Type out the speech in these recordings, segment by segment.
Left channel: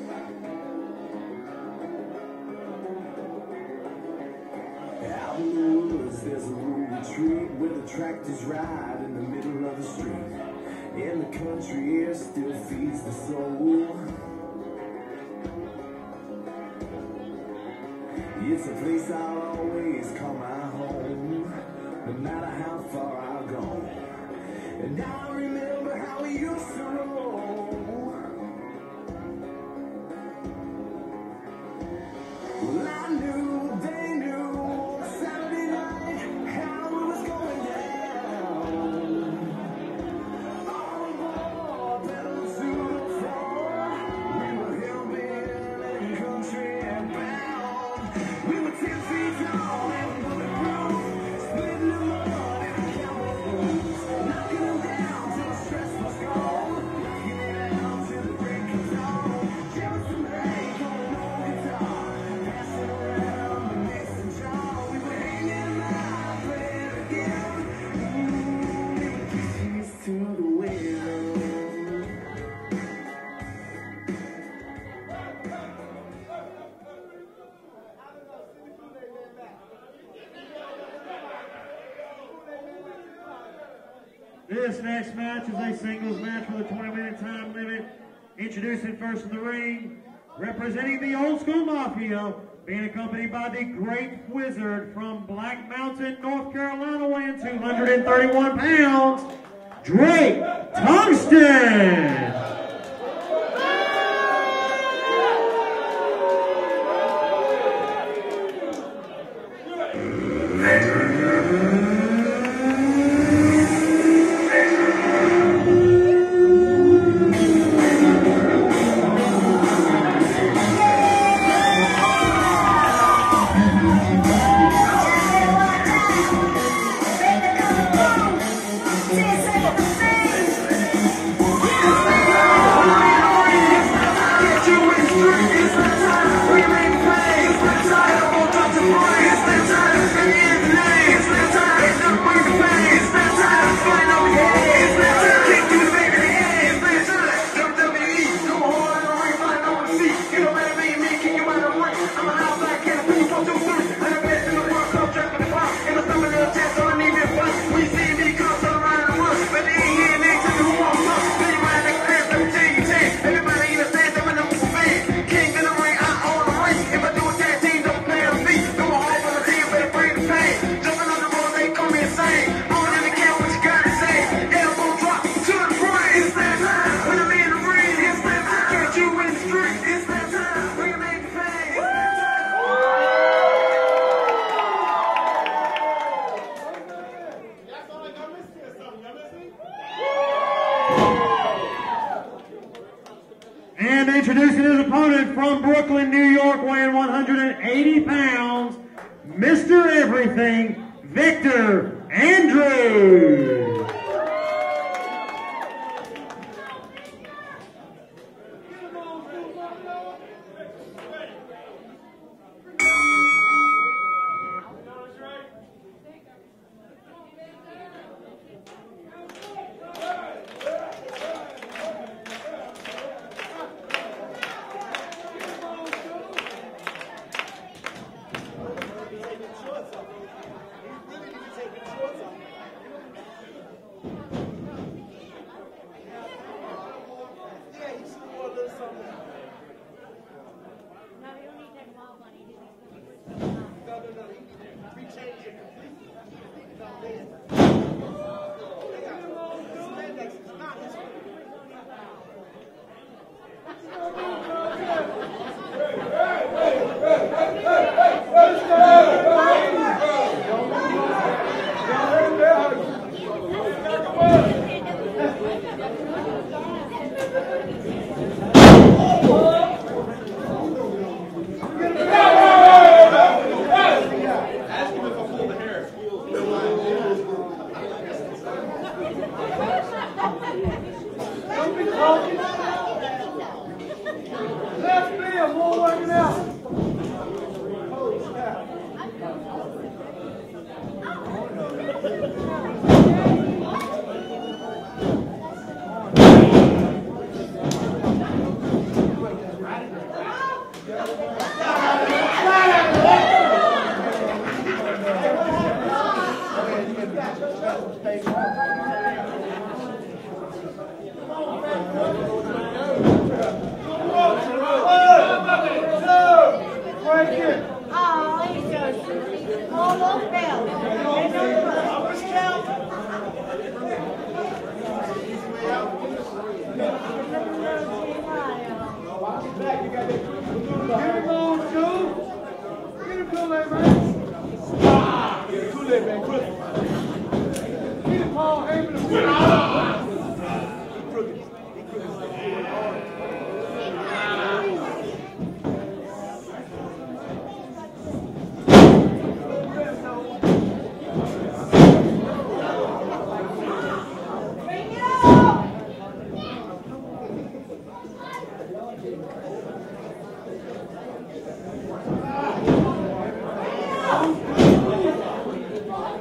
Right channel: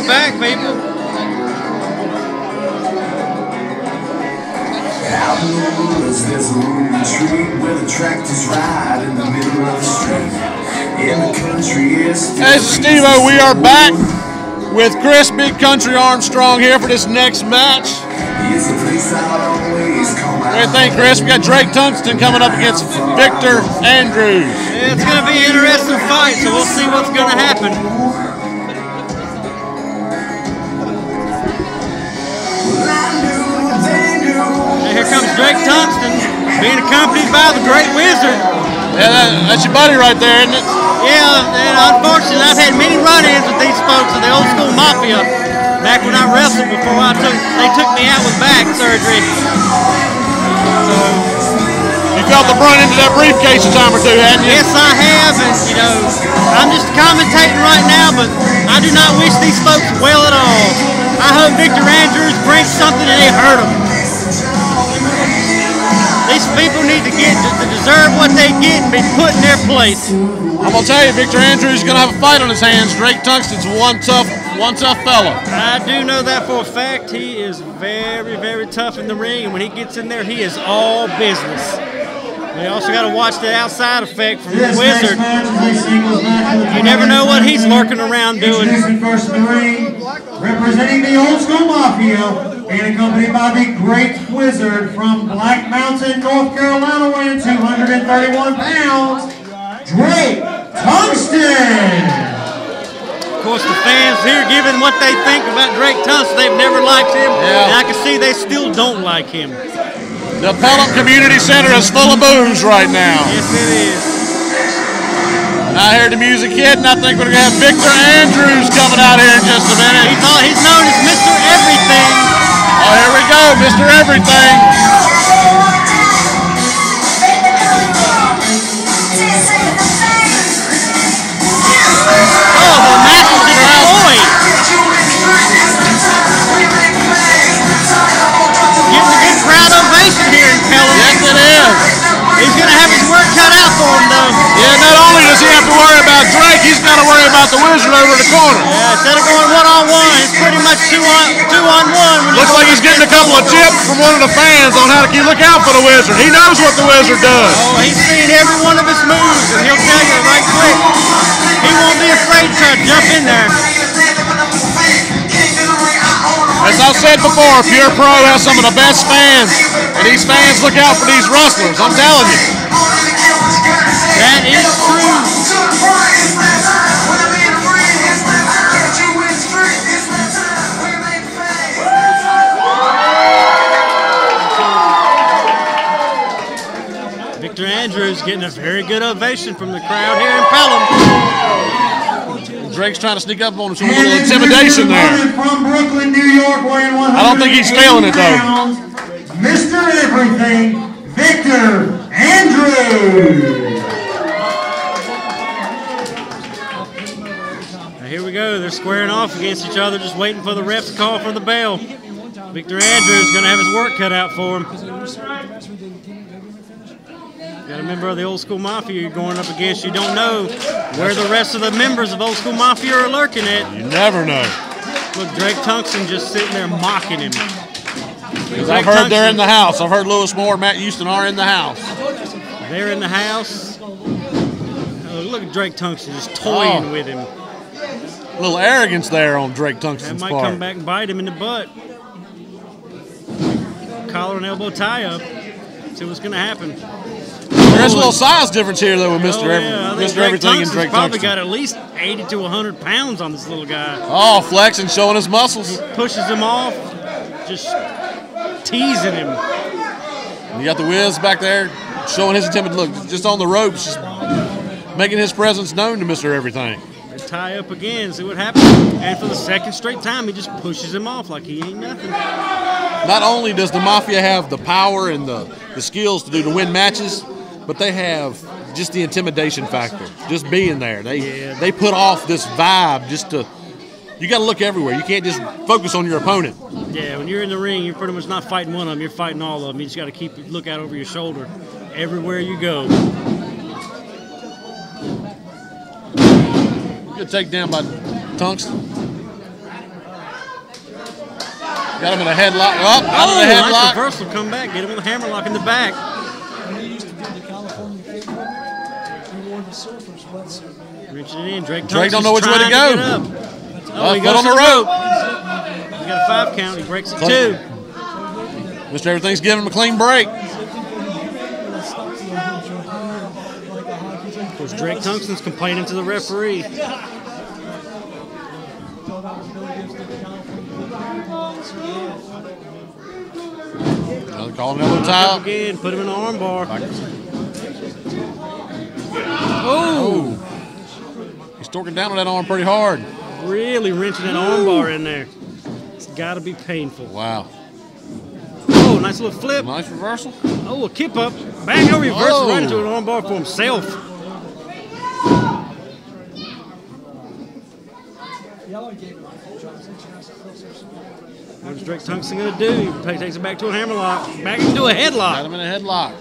we're back, people. Out in the woods, there's a lonely retreat where the tractors ride in the middle of the street. In the country, yes. Hey, Steve-O, we are back with Chris Big Country Armstrong here for this next match. It's a place I'll always call my What do you think, Chris? We got Drake Tungsten coming up against Victor Andrews. Yeah, it's going to be an interesting fight, so we'll see what's going to happen. And here comes Drake Tungsten, being accompanied by the Great Wizard. Yeah, that's your buddy right there, isn't it? Yeah, and unfortunately, I've had many run-ins with these folks in the old school mafia. Back when I wrestled before they took me out with back surgery. So, you felt the brunt into that briefcase a time or two, hadn't you? Yes, I have, and you know, I'm just commentating right now, but I do not wish these folks well at all. I hope Victor Andrews brings something and they hurt him. These people need to deserve what they get and be put in their place. I'm gonna tell you, Victor Andrews is gonna have a fight on his hands. Drake Tungsten's one tough fella. I do know that for a fact. He is very, very tough in the ring, and when he gets in there, he is all business. We also got to watch the outside effect from the Wizard. You never know what he's lurking around doing. First in the ring, representing the old school mafia, being accompanied by the Great Wizard from Black Mountain, North Carolina, weighing 231 pounds, Drake Tungsten. Of course, the fans here giving what they think about Drake Tungsten. They've never liked him, and I can see they still don't like him. The Pelham Community Center is full of booze right now. Yes, it is. I heard the music hit, and I think we're going to have Victor Andrews coming out here in just a minute. He's known as Mr. Everything. Oh, here we go, Mr. Everything. Oh, the match is destroyed. Getting a good crowd ovation here in Pelham. Yes, it is. He's going to have his work cut out for him, though. Yeah, not only does he have to worry about Drake, he's got to worry about the Wizard over the corner. Yeah, instead of going one-on-one, it's pretty much two-on-one. Looks like he's getting a couple of tips from one of the fans on how to look out for the Wizard. He knows what the Wizard does. Oh, he's seen every one of his moves, and he'll tell you right quick. He won't be afraid to try to jump in there. As I've said before, Pure Pro has some of the best fans, and these fans look out for these wrestlers, I'm telling you. That is true. Victor Andrews getting a very good ovation from the crowd here in Pelham. Drake's trying to sneak up on him, some little intimidation there. From Brooklyn, New York, weighing 100 I don't think he's feeling it though. Mr. Everything, Victor Andrews. Now here we go. They're squaring off against each other, just waiting for the refs to call for the bell. Victor Andrews is going to have his work cut out for him. Got a member of the Old School Mafia you're going up against. You don't know where the rest of the members of Old School Mafia are lurking at. You never know. Look, Drake Tungsten just sitting there mocking him. I've heard they're in the house. I've heard Lewis Moore and Matt Houston are in the house. They're in the house. Oh, look at Drake Tungsten just toying with him. A little arrogance there on Drake Tungsten's That part. might come back and bite him in the butt. Collar and elbow tie up. See what's going to happen. There's a little size difference here, though, with Mr. Mr. Everything and Drake probably Tungsten. got at least 80 to 100 pounds on this little guy. Oh, flexing, showing his muscles. Pushes him off, just teasing him. You got the Wiz back there showing his intimidation. Look, just on the ropes, just making his presence known to Mr. Everything. Tie up again, see what happens. And for the second straight time, he just pushes him off like he ain't nothing. Not only does the Mafia have the power and the skills to win matches, but they have just the intimidation factor, just being there. They put off this vibe just to, you got to look everywhere. You can't just focus on your opponent. Yeah, when you're in the ring, you're pretty much not fighting one of them, you're fighting all of them. You just got to keep a lookout over your shoulder everywhere you go. Good takedown by Tungsten. Got him in a headlock. Up, out of the Nice headlock. reversal, come back, get him with a hammerlock in the back. Reaching it in, Drake don't know which way to go. Foot on the rope. He's got a 5 count, he breaks it 2. Mr. Everything's giving him a clean break. Because Drake Tungsten's complaining to the referee. Calling it on the towel. Again, put him in an arm bar. Oh! He's torquing down on that arm pretty hard. Really wrenching that arm bar in there. It's got to be painful. Wow. Oh, nice little flip. Nice reversal. Oh, a kip up. Bang, no reverse, Oh. right into an arm bar for himself. What's Drake Tungsten going to do? Takes it back to a hammerlock. Back into a Got headlock. him in a headlock.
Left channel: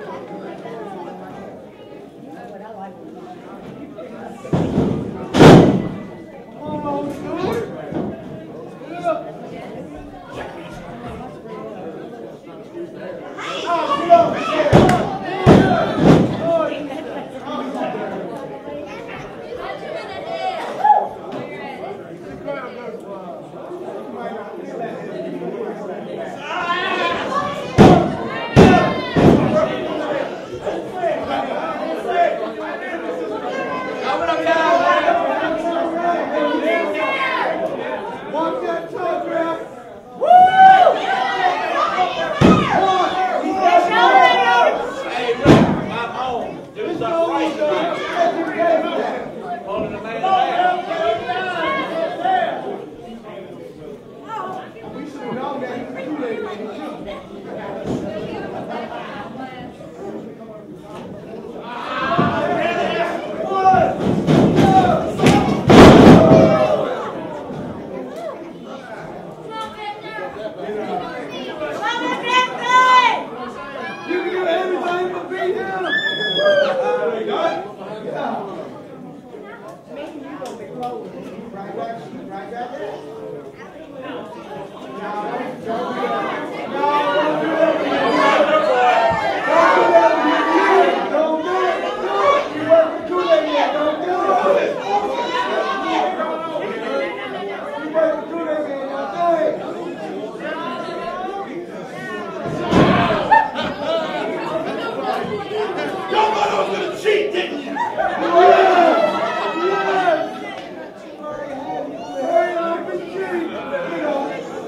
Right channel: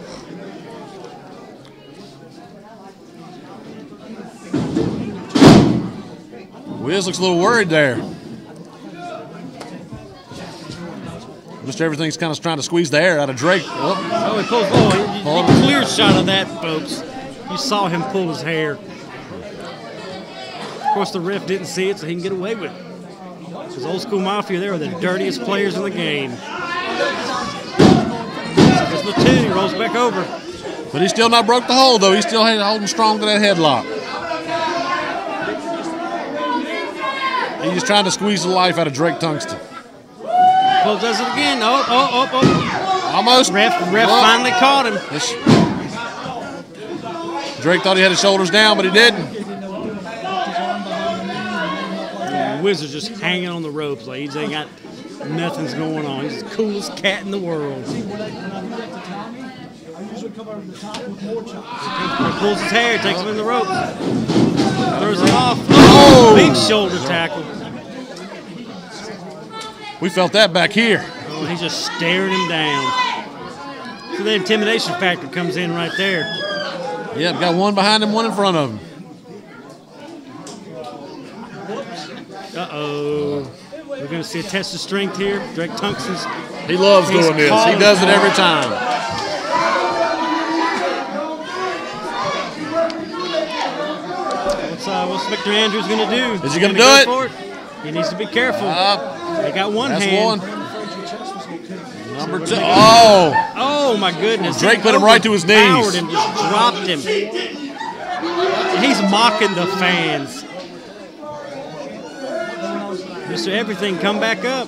Wiz looks a little worried there. Mr. Everything's kind of trying to squeeze the air out of Drake. Oh, he pulled a clear shot of that, folks. You saw him pull his hair. Of course, the ref didn't see it, so he can get away with it. Those old school mafia, they are the dirtiest players in the game. Just the 2, he rolls back over. But he still not broke the hold, though. He's still holding strong to that headlock. He's trying to squeeze the life out of Drake Tungsten. Oh, does it again. Oh. Almost. Ref finally caught him. Drake thought he had his shoulders down, but he didn't. The Wizard's just hanging on the ropes. Like he ain't got nothing's going on. He's the coolest cat in the world. Pulls his hair, takes him in the ropes. Throws him off. Oh, big shoulder tackle. We felt that back here. Oh, he's just staring him down. So the intimidation factor comes in right there. Yeah, got one behind him, one in front of him. Uh-oh. We're going to see a test of strength here. Drake Tungsten's. He loves doing this. He does it every time. What's Victor Andrews going to do? Is he going to do it? He needs to be careful. They got one That's hand. one. Number 2. Oh! Oh my goodness! Drake put him right to his knees. Powered and just dropped him. He's mocking the fans. Mr. Everything, come back up.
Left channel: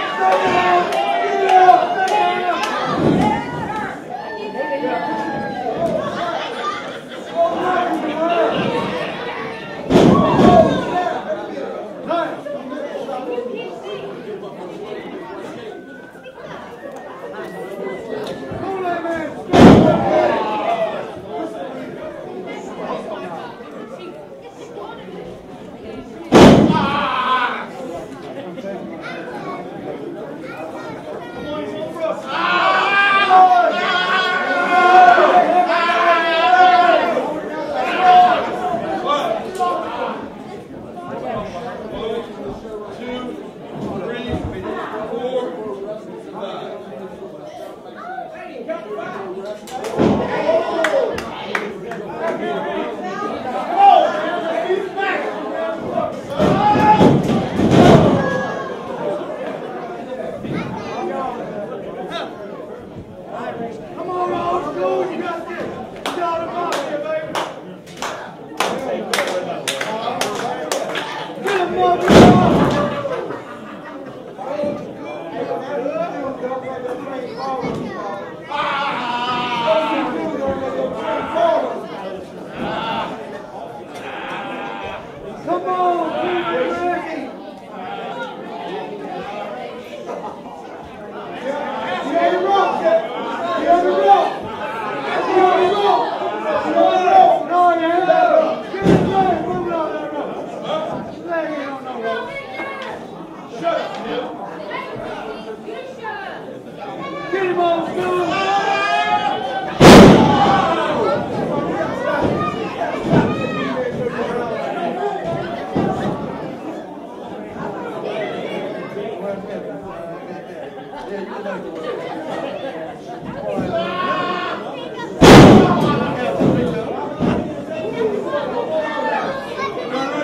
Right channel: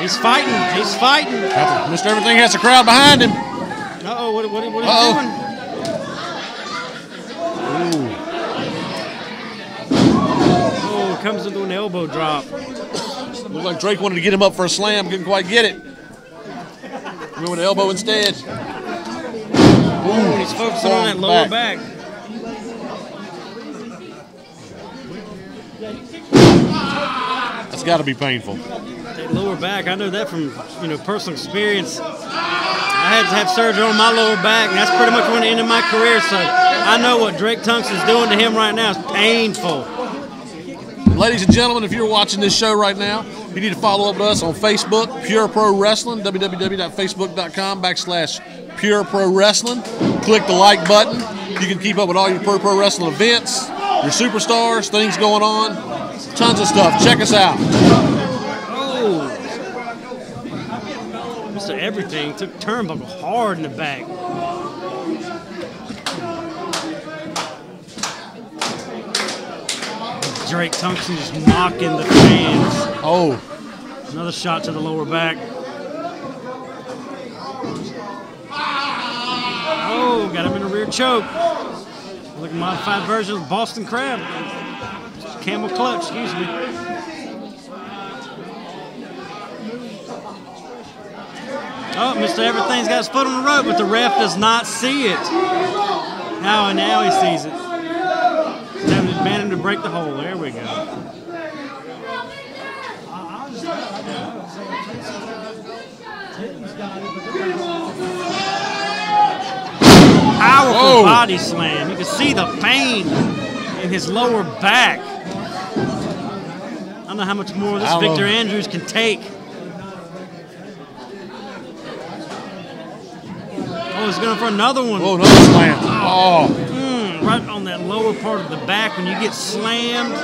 He's fighting. He's fighting. Mr. Everything has a crowd behind him. Uh-oh, what is he doing? Oh, comes into an elbow drop. Looked like Drake wanted to get him up for a slam, couldn't quite get it. Went with the elbow instead. He's focusing on that lower back. That's got to be painful. That lower back, I know that from personal experience. I had to have surgery on my lower back, and that's pretty much when the end of my career. So I know what Drake Tungsten's doing to him right now is painful. Ladies and gentlemen, if you're watching this show right now, you need to follow up with us on Facebook, Pure Pro Wrestling, www.facebook.com/Pure Pro Wrestling. Click the like button. You can keep up with all your Pro Wrestling events, your superstars, things going on, tons of stuff. Check us out. Oh. Mr. Everything took turnbuckle hard in the back. Drake Tungsten just knocking the fans. Oh. Another shot to the lower back. Oh, got him in a rear choke. Like a modified version of Boston Crab. Camel clutch, excuse me. Oh, Mr. Everything's got his foot on the rope, but the ref does not see it. Now he sees it. Managing to break the hold. There we go. Powerful body slam. You can see the pain in his lower back. don't know how much more this Victor Andrews can take. Oh, he's going for another one. Oh, nice slam. Oh. Right on that lower part of the back when you get slammed.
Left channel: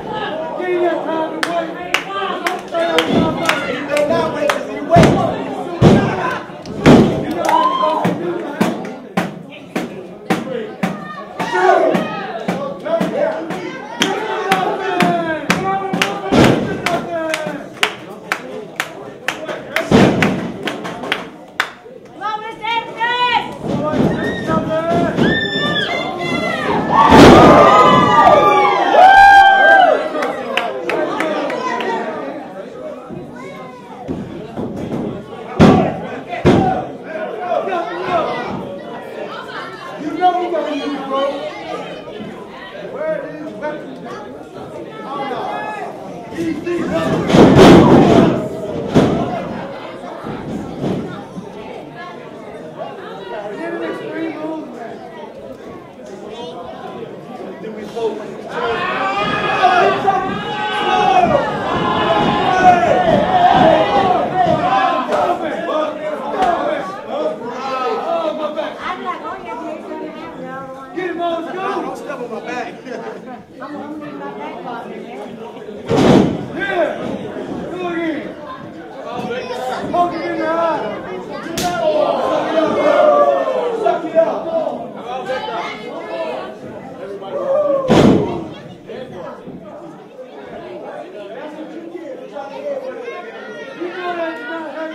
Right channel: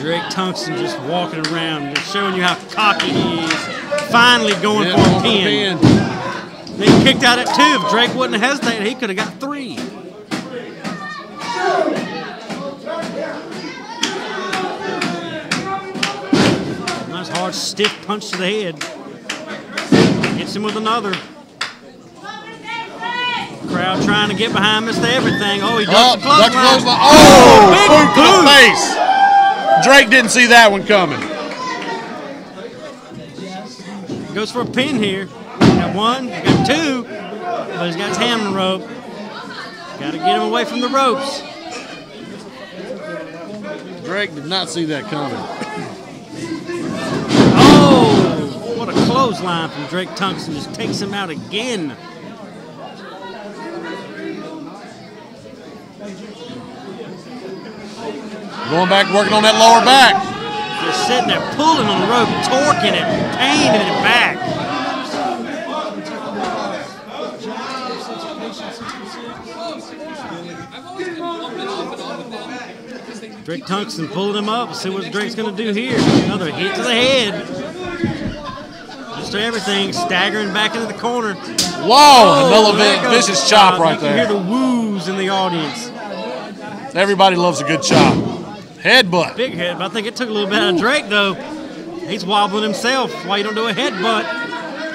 Drake Tungsten just walking around, just showing you how cocky he is. Finally going for the pin. They kicked out at 2. If Drake wouldn't have hesitated, he could have got 3. Nice hard stiff punch to the head. Hits him with another. Crowd trying to get behind Mr. Everything. Oh, he ducked the close line. Oh, big face. Drake didn't see that one coming. Goes for a pin here. Got 1, got 2. Well, he's got his hand on the rope. Got to get him away from the ropes. Drake did not see that coming. Oh, what a clothesline from Drake Tungsten. Just takes him out again. Going back, working on that lower back. Just sitting there pulling on the rope, torquing him, paving it back. Drake Tungsten pulling him up. Let's see what Drake's going to do here. Another hit to the head. Just everything, staggering back into the corner. Whoa, another vicious chop right there. You can there. hear the woos in the audience. Everybody loves a good chop. Headbutt. Big head, but I think it took a little bit out of Drake, though. He's wobbling himself. Why you don't do a headbutt?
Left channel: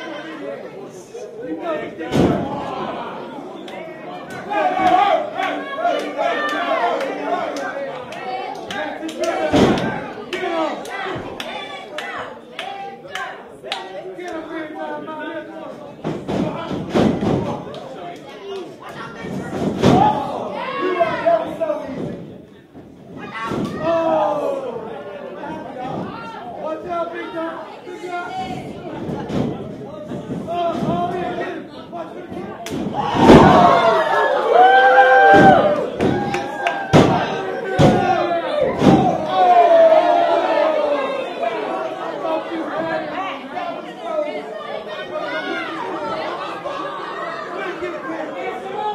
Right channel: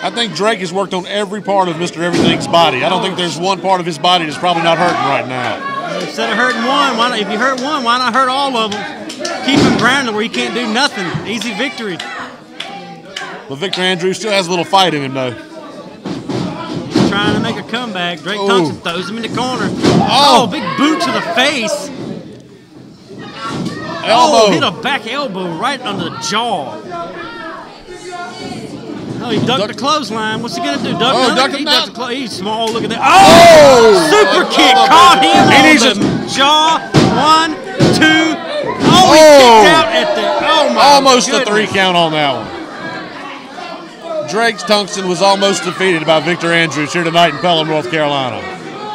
I think Drake has worked on every part of Mr. Everything's body. I don't think there's one part of his body that's probably not hurting right now. Instead of hurting one, why not, if you hurt one, why not hurt all of them? Keep him grounded where he can't do nothing. Easy victory. But Victor Andrews still has a little fight in him, though. He's trying to make a comeback. Drake Tungsten throws him in the corner. Oh, big boot to the face. Elbow. Oh, hit a back elbow right on the jaw. Oh, he ducked the clothesline. What's he going to do? He's small. Look at that. Oh! Super kick. Caught him on the jaw. 1, 2. Oh, he kicked out at the... Oh, my Almost goodness. a 3 count on that one. Drake Tungsten was almost defeated by Victor Andrews here tonight in Pelham, North Carolina.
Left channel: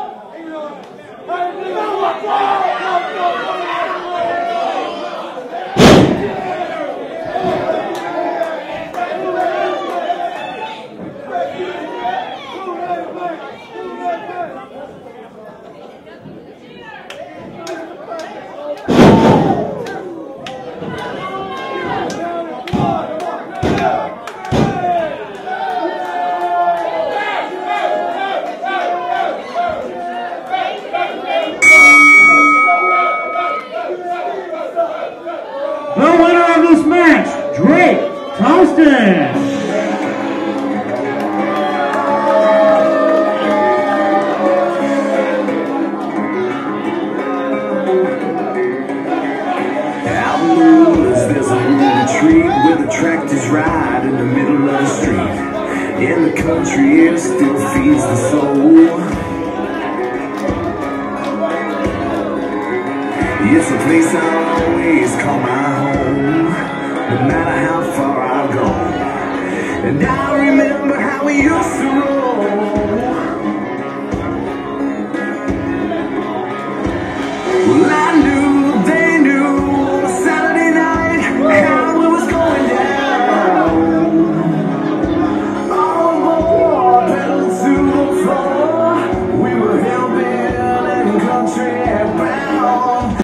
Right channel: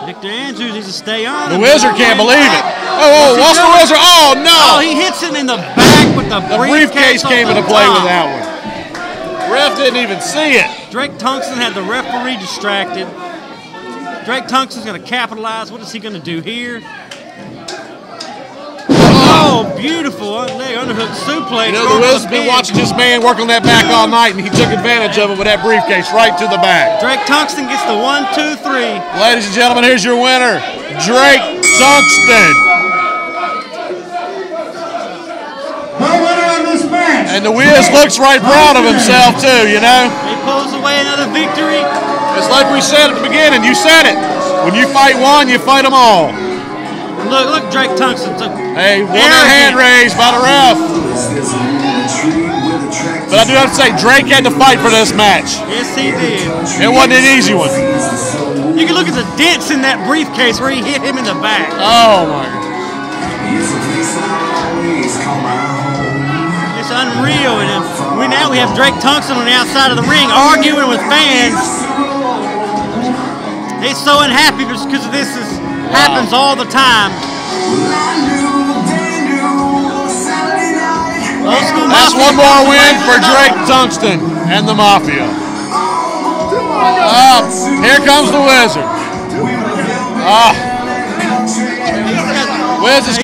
Victor Andrews needs to stay on. The Wizard can't believe it. Oh, what's the Wizard? Oh, no. Oh, he hits it in the back with the briefcase came into play with that one. Ref didn't even see it. Drake Tungsten had the referee distracted. Drake Tungsten's going to capitalize. What is he going to do here? Oh, beautiful underhook suplex. You know, the Wizard's been watching this man work on that back all night, and he took advantage of it with that briefcase right to the back. Drake Tungsten gets the 1, 2, 3. Ladies and gentlemen, here's your winner, Drake Tungsten. The winner of this match. And the Wiz looks right proud of himself, too, you know? He pulls away another victory. It's like we said at the beginning. You said it. When you fight one, you fight them all. Look, Drake Tungsten. Hey, one hand raised by the ref. But I do have to say, Drake had to fight for this match. Yes, he did. It wasn't an easy one. You can look at the dents in that briefcase where he hit him in the back. Oh, my. It's a place I always call my home. It's unreal. And we have Drake Tungsten on the outside of the ring arguing with fans. He's so unhappy because this happens all the time. That's one more win for Drake Tungsten and the Mafia. Here comes the Wizard. Wiz is